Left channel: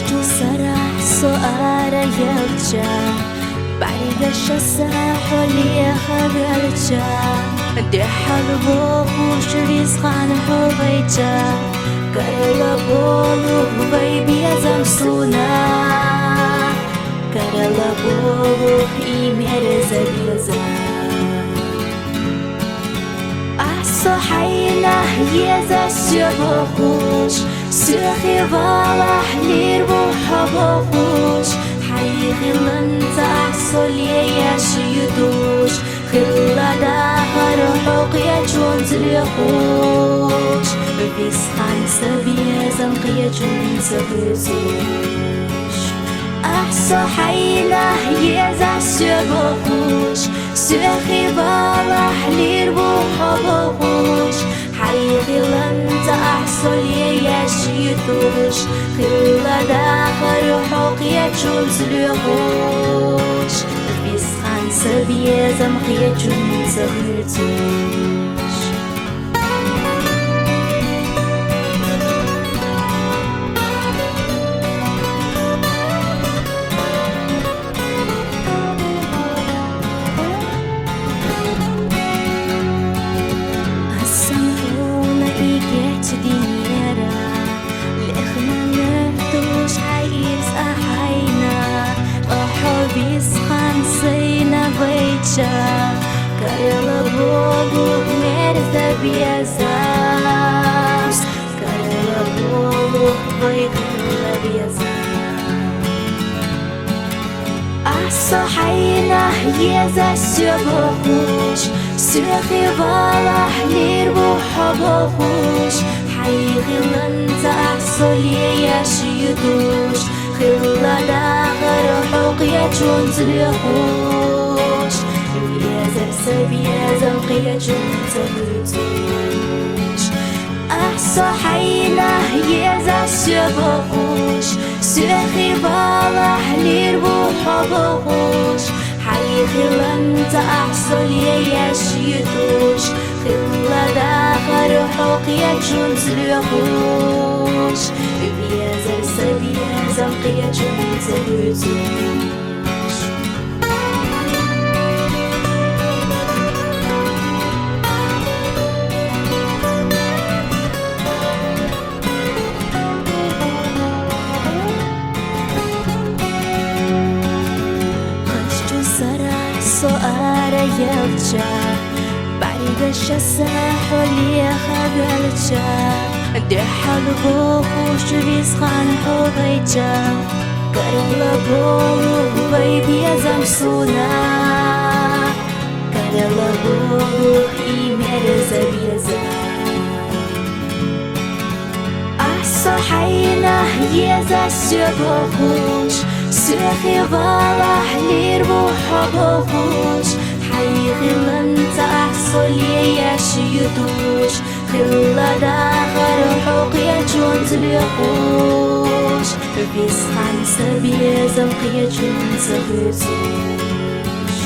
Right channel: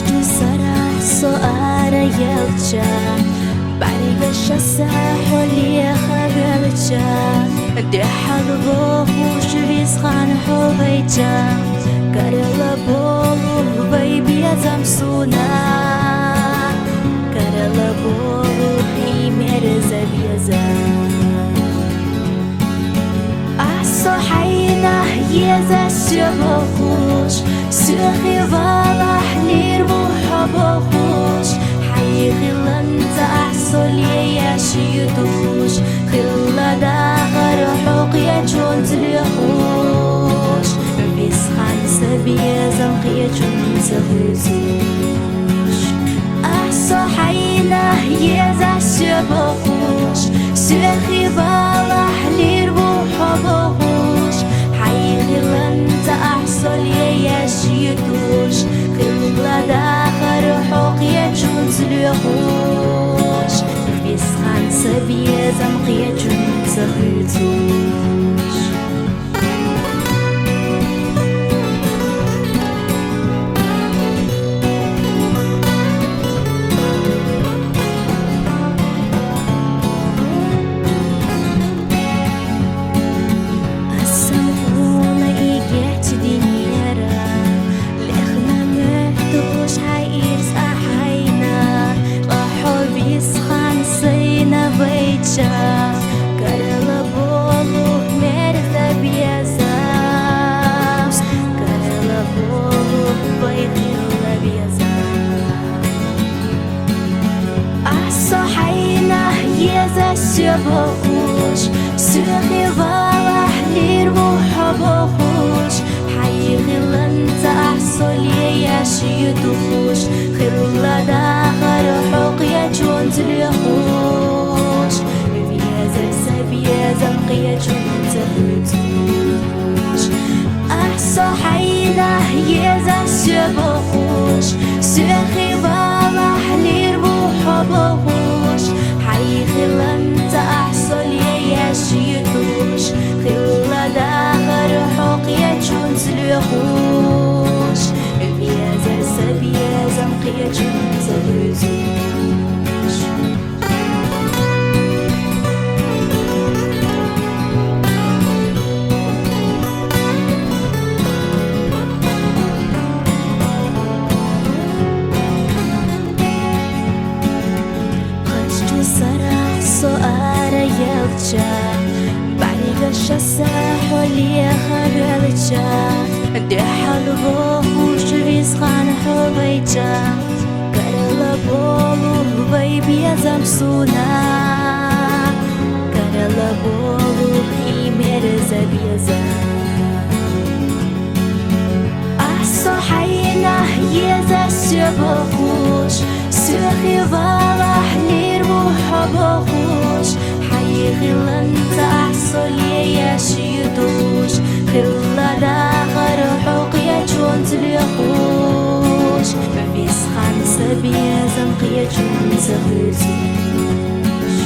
خشت سرح سؤال يلجا بعد الشسح حولي خبلجا دي حلبو خوش ريسخان حوغيجا كارلا بولو بيبي زمسونا كارلا بولو إيمير زبيزا أحسو حينا يزا سيبخوش سيخي فالح لير بوحبخوش حي خلنت أحسو ليا شيدوش خلا داخر حقيا جون تليخوش بيسخان سبيزا قيا جون تغيزوش أحسو حينا يزا سيبخوش سيخي فالح لير بوحبخوش حي خلنت أحسو ليا شيدوش خلا داخر حقيا جون تليخوش بيسخان سبيزا قيا جون تغيزوش جيت دينيرا لإخنا مهدوش حيرس أحينا وحبي سخان سينا بيتشا كارلا بولو مرزا بيزاس كارلا بولو بيغلا بيزاس أحسو حينا يزا سيبخوش سيخي فالح لير بوحبخوش حي خلنت أحسو ليا شيدوش خلا داخر حقيا جون تليخوش بيزر سبيزا قيا جون تغيزوش أحسو حينا يزا سيبخوش سيخي فالح لير بوحبخوش حي خلنت أحسو ليا شيدوش خلا داخر حقيا جون تليخوش بيزر سبيزا قيا جون تغيزوش سرح سؤال يلجا بعد الشسح حولي خبلجا دي حلبو خوش ريسخان حوغيجا كارلا بولو بيبي زمسونا كارلا بولو إيمير زبيزا أحسو حينا يزا سيبخوش سيخي فالح لير بوحبخوش حي خلنت أحسو ليا شيدوش خلا داخر حقيا جون تليخوش بيسخان سبيزا قيا جون تغيزوش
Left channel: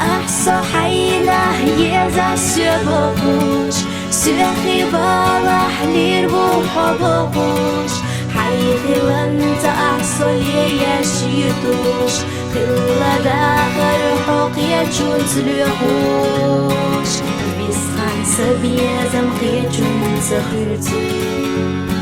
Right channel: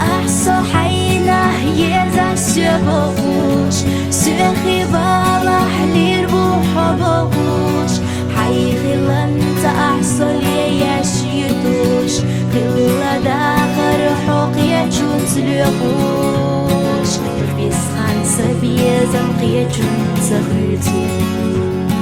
أحسو حينا يزا سيبخوش سيخي فالح لير بوحبخوش حي خلنت أحسو ليا شيدوش خلا داخر حقيا جون تليخوش بيسخان سبيزا قيا جون تغيزوش